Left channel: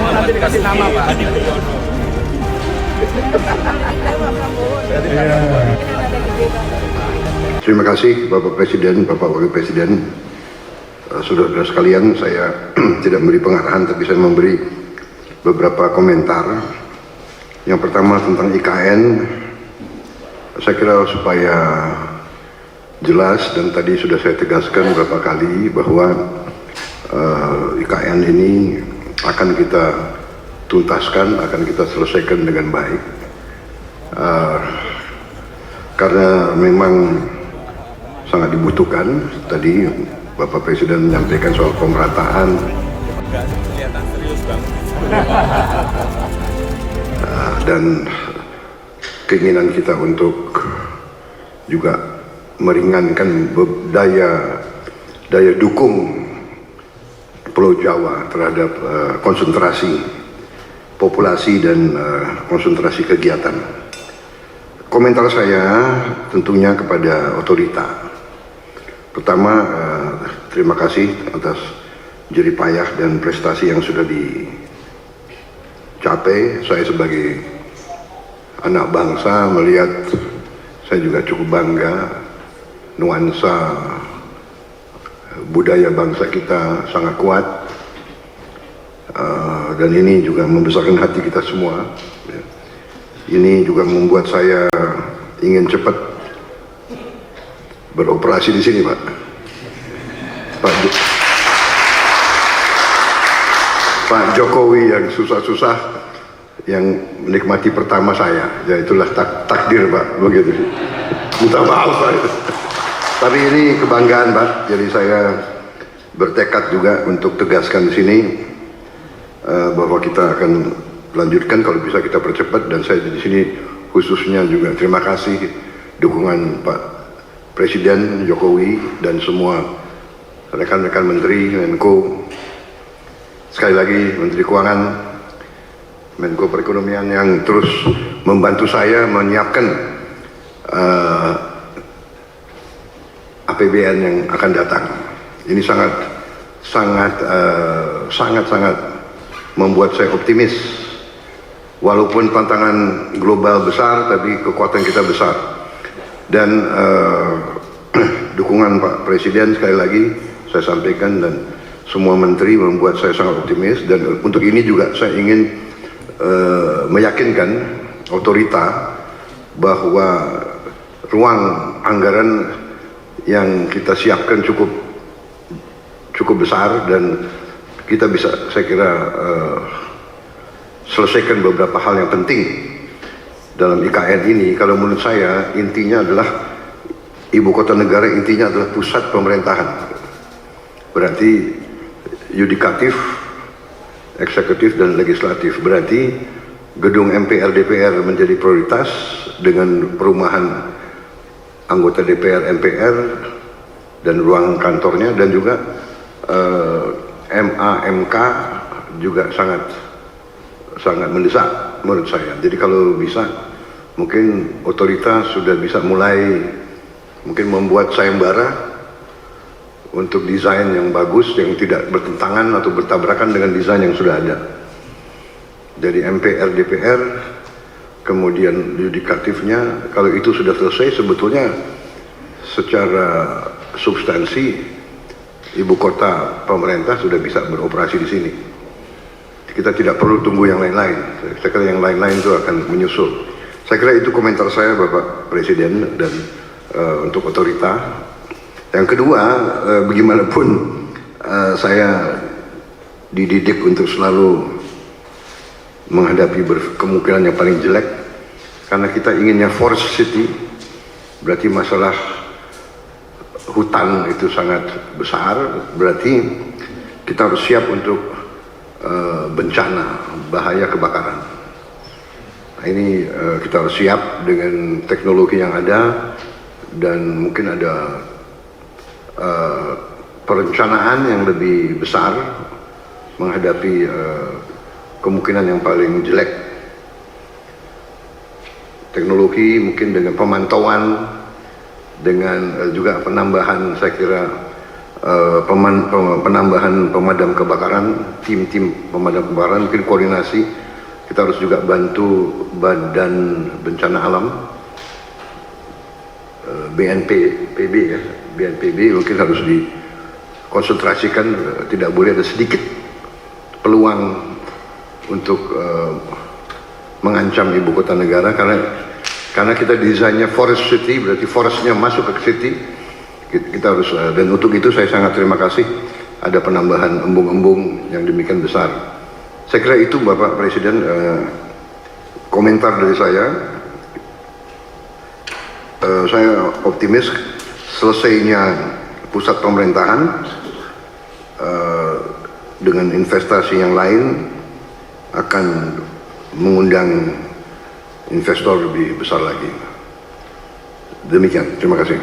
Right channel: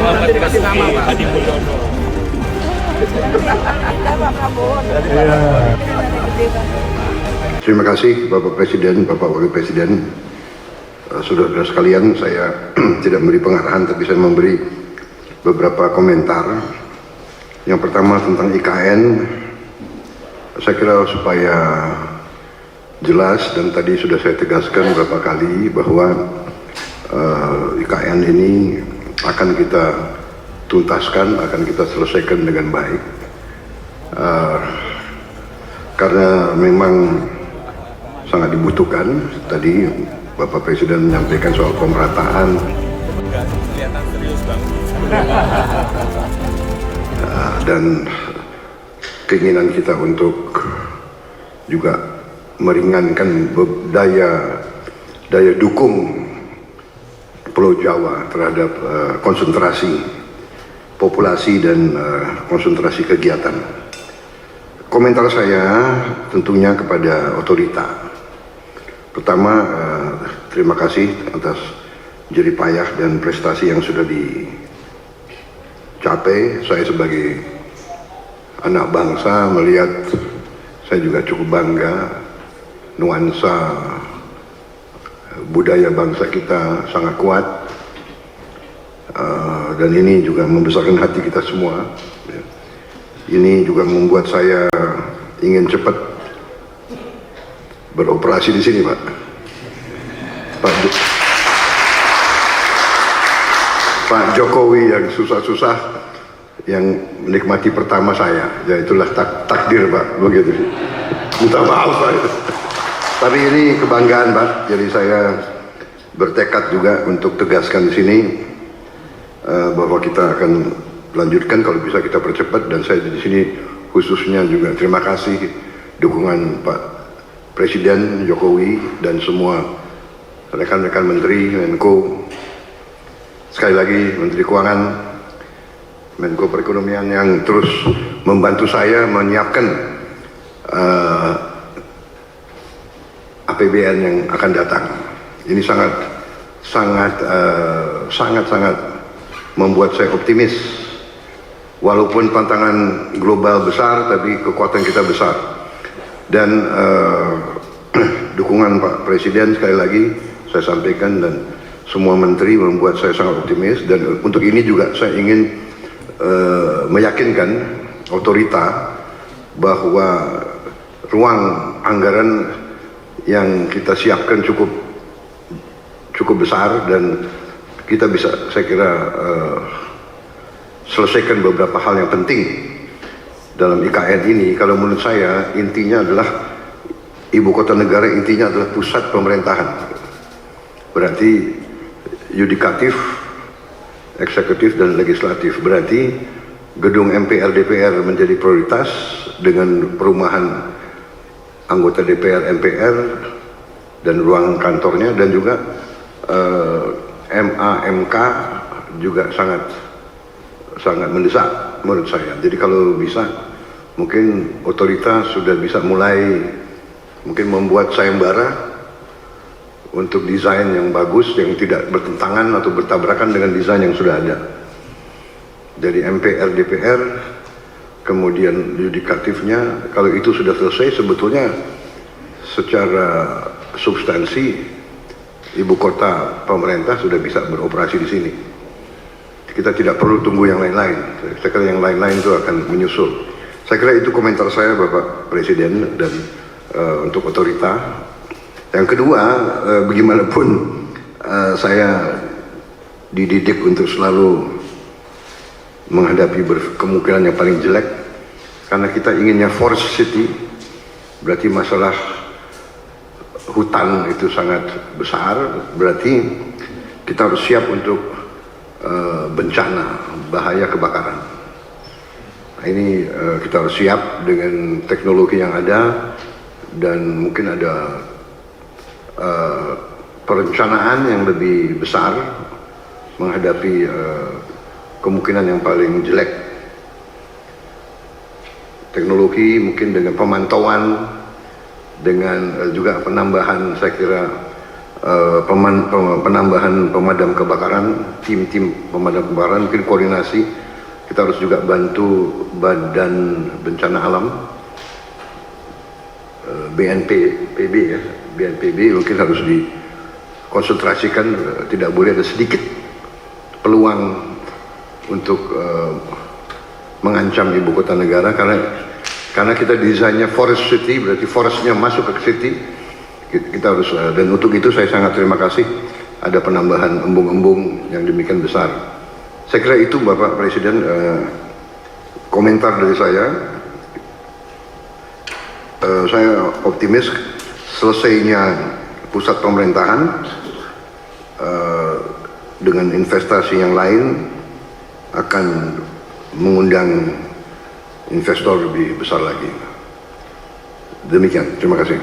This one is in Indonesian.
nanti dikasih nama Pak Hadi Mulyono. Terima kasih Bapak Presiden, Bapak Wakil Presiden. Saudara-saudara sekalian, saya tidak memberi pengarahan, tapi saya memberi beberapa komentar. Yang pertama tentang IKN, saya kira supaya jelas dan tadi sudah saya tegaskan beberapa kali bahwa IKN ini akan kita tuntaskan, akan kita selesaikan dengan baik. Karena memang sangat dibutuhkan. Tadi Bapak Presiden menyampaikan soal pemerataan. Kelihatan serius Bang. Dan keinginan kita untuk juga meringankan daya dukung Pulau Jawa terhadap konsentrasi populasi dan konsentrasi kegiatan. Komentar saya tentunya kepada otorita. Pertama, terima kasih atas jerih payah dan prestasi yang sudah dicapai. Saya sebagai anak bangsa melihat, saya juga cukup bangga nuansa budaya bangsa kita sangat kuat, dan ini juga membesarkan hati kita semua. Ini juga membuat saya ingin cepat beroperasi di sini, Pak. Pak Jokowi yang susah-susah, yang menikmati pertama saya, ya itulah takdir, Pak, begitu. Minta maaf, Pak. Tapi ini kebanggaan, Pak. Jadi saya bertekad juga untuk tegaskan di sini bahwa kita akan lanjutkan, kalau bisa kita percepat. Dan saya di sini khususnya juga terima kasih dukungan Pak Presiden Jokowi dan semua rekan-rekan Menteri, Menko, sekali lagi Menteri Keuangan, Menko Perekonomian yang terus membantu saya menyiapkan APBN yang akan datang. Ini sangat membuat saya optimis. Walaupun tantangan global besar, tapi kekuatan kita besar. Dan dukungan Pak Presiden sekali lagi saya sampaikan, dan semua menteri membuat saya sangat optimis. Dan untuk ini juga saya ingin meyakinkan otorita bahwa ruang anggaran yang kita siapkan cukup besar, dan kita bisa, saya kira, selesaikan beberapa hal yang penting dalam IKN ini. Kalau menurut saya intinya adalah ibu kota negara, intinya adalah pusat pemerintahan. Berarti yudikatif, eksekutif, dan legislatif. Berarti gedung MPR DPR menjadi prioritas dengan perumahan anggota DPR MPR dan ruang kantornya, dan juga MA MK juga sangat mendesak menurut saya. Jadi kalau bisa, mungkin otoritas sudah bisa mulai mungkin membuat sayembara untuk desain yang bagus, yang tidak bertentangan atau bertabrakan dengan desain yang sudah ada. Jadi MPR DPR, kemudian yudikatifnya, kalau itu sudah selesai, sebetulnya secara substansi ibu kota pemerintah sudah bisa beroperasi di sini. Kita tidak perlu tunggu yang lain-lain. Saya kira yang lain-lain itu akan menyusul. Saya kira itu komentar saya, Bapak Presiden, dan untuk otorita. Yang kedua, bagaimanapun saya dididik untuk selalu menghadapi kemungkinan yang paling jelek, karena kita inginnya forest city. Berarti masalah hutan itu sangat besar. Berarti kita harus siap untuk bencana, bahaya kebakaran. Nah, ini kita harus siap dengan teknologi yang ada, dan mungkin ada perencanaan yang lebih besar menghadapi kemungkinan yang paling jelek. Teknologi mungkin dengan pemantauan, dengan juga penambahan, saya kira, penambahan pemadam kebakaran, tim-tim pemadam kebakaran, mungkin koordinasi. Kita harus juga bantu Badan Bencana Alam, BNPB ya, BNPB mungkin harus dikonsentrasikan, tidak boleh ada sedikit peluang untuk mengancam ibu kota negara, karena kita desainnya forest city, berarti forestnya masuk ke city. Kita harus, dan untuk itu saya sangat terima kasih ada penambahan embung-embung yang demikian besar. Saya kira itu Bapak Presiden komentar dari saya. Saya optimis selesainya pusat pemerintahan dengan investasi yang lain akan mengundang investor lebih besar lagi. Demikian, terima kasih.